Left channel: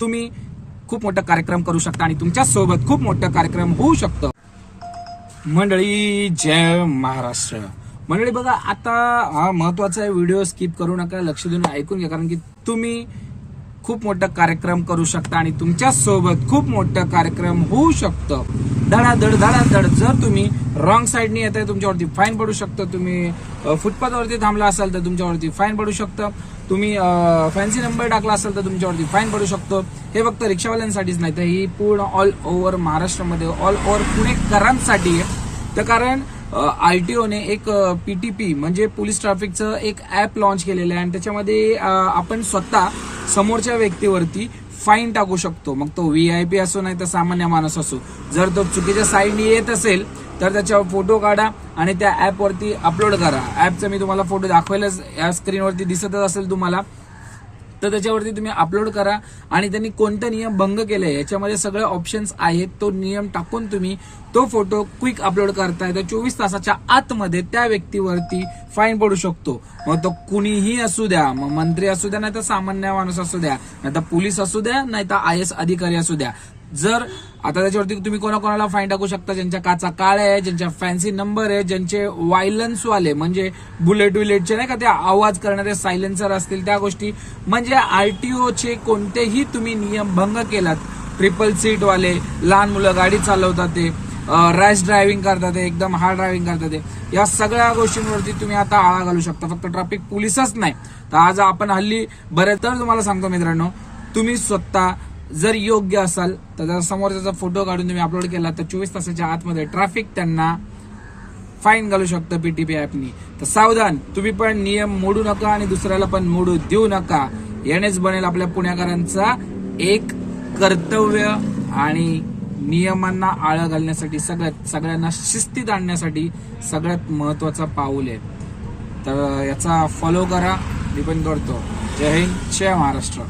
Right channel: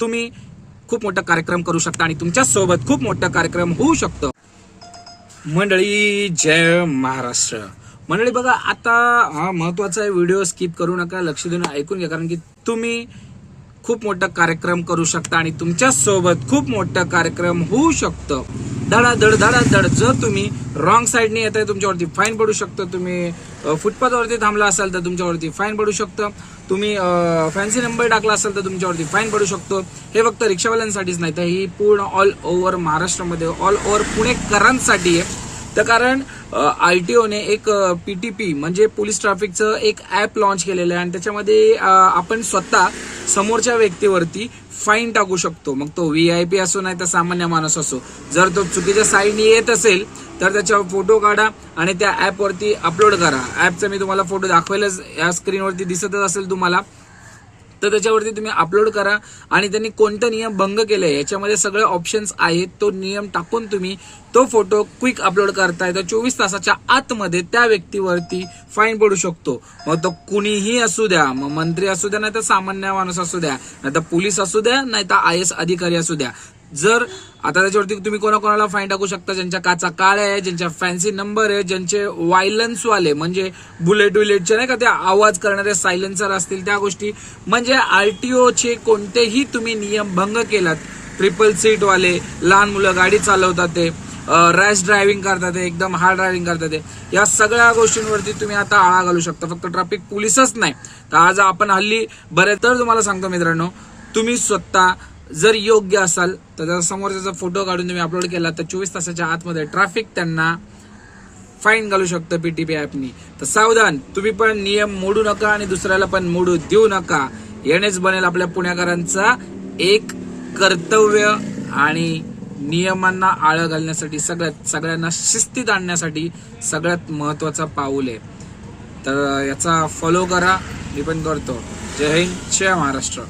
तुम्ही खूप मोठा कार्यक्रम करू शकता आणि तुमच्या सोबत खूप मोठा कार्यक्रम होऊ शकतो। मंडळी जय महाराष्ट्र। मंडळी बघा, आता हा महत्वाचा आहे, व्हिडिओ स्किप करू नका, लक्ष देऊन ऐकून घ्या, कारण की तुम्ही खूप मोठा कार्यक्रम करू शकता आणि तुमच्या सोबत खूप मोठा कार्यक्रम होऊ शकतं। धडाधड धडाधड जर तुम्ही रॉंग साईडने येत आहे तुमच्यावरती फाईन पडू शकतं। तुम्ही फुटपाथवरती थांबला असाल तर तुमच्यावरती फाईन पडू शकतं। तुम्ही फॅन्सी नंबर टाकला असेल तर तुमच्यावरती फाईन पडू शकतो। हे फक्त रिक्षावाल्यांसाठीच नाही तर ही पूर्ण ऑल ओव्हर महाराष्ट्रामध्ये, ऑल ओव्हर पुणेकरांसाठी आहे। तर कारण आरटीओने एक पीटीपी म्हणजे पोलीस ट्रॅफिकचं एक ऍप लॉन्च केलेलं आहे आणि त्याच्यामध्ये आपण स्वतः समोरच्या व्यक्तीवरती फाईन टाकू शकतो। मग तो व्हीआयपी असो नाही तर सामान्य माणूस असो, जर तो चुकीच्या साईडने येत असेल तर त्याच्यावर फोटो काढा आणि त्या ऍप वरती अपलोड करा। ऍपचा मी तुम्हाला फोटो दाखवायलाच, या स्क्रीनवरती दिसतच असेल तुम्हाला, तर त्याच्यावरती तुम्ही अपलोड करा आणि त्यांनी कोणते नियम भंग केले याच्यामध्ये सगळे ऑप्शन्स आहेत, तो नियम टाकून तुम्ही तो फोटो क्विक अपलोड करताय तर 24 तासाच्या आतमध्ये त्या व्यक्तीवरती फाईन पडू शकतो। मग तो कुणीही असू द्या, मग मंत्री असू द्या नाही तर सामान्य माणूस असू द्या, नाही तर पोलीस असू द्या नाही तर IAS अधिकारी असू द्या। जर आता त्याच्यावरती तुम्ही कोणाकोणाला फाईन टाकू शकता, ज्यांच्या काचा काळ्या आहे, ज्यांच्या फॅन्सी नंबर आहे, ज्यांचे व्हायलन्स वाले म्हणजे बुलेट विलेटचे नाही का ते आवाज करणारे सायलेन्सर असतील त्या गोष्टी, म्हणजे आरटीओचे कोणतेही तुम्ही नियम भंग केलात, ट्रिपल सीट वाले, लहान मुलं गाडी चालवतात ते, रॅश ड्रायव्हिंग करतात ते, एकदम हार्ड ड्रायव्हिंग करतात ते, या सगळ्या गोष्टींवरती तुम्ही आता आळा घालू शकता। फक्त ट्रॅफिक पोलीसच नाही तर आज आपण हल्ली बरेच, तर तुम्हाला सांगतो मित्रांनो, तुम्ही स्वतः जर योग्य असाल तर समोरचा फोटो काढून तुम्ही अपलोड केला तर 24 तासाच्या आतमध्ये ट्रॅफिक त्यांना फाईन घालू शकतं पीटीपी ऍपनी। तर सावधान, तुम्ही पण नियम मोडू नका आणि दुसऱ्याला पण मोडू देऊ नका। यानेच बनेल आपल्या पुणेकरांचा एक कर्तव्य आणि नियमांना आळा घालण्यासाठी, सगळ्यांना शिस्तीत आणण्यासाठी सगळ्यात महत्वाचा पाऊल आहे। तर याचा फॉलो करा, मी पण करतो। जय हिंद, जय महाराष्ट्र।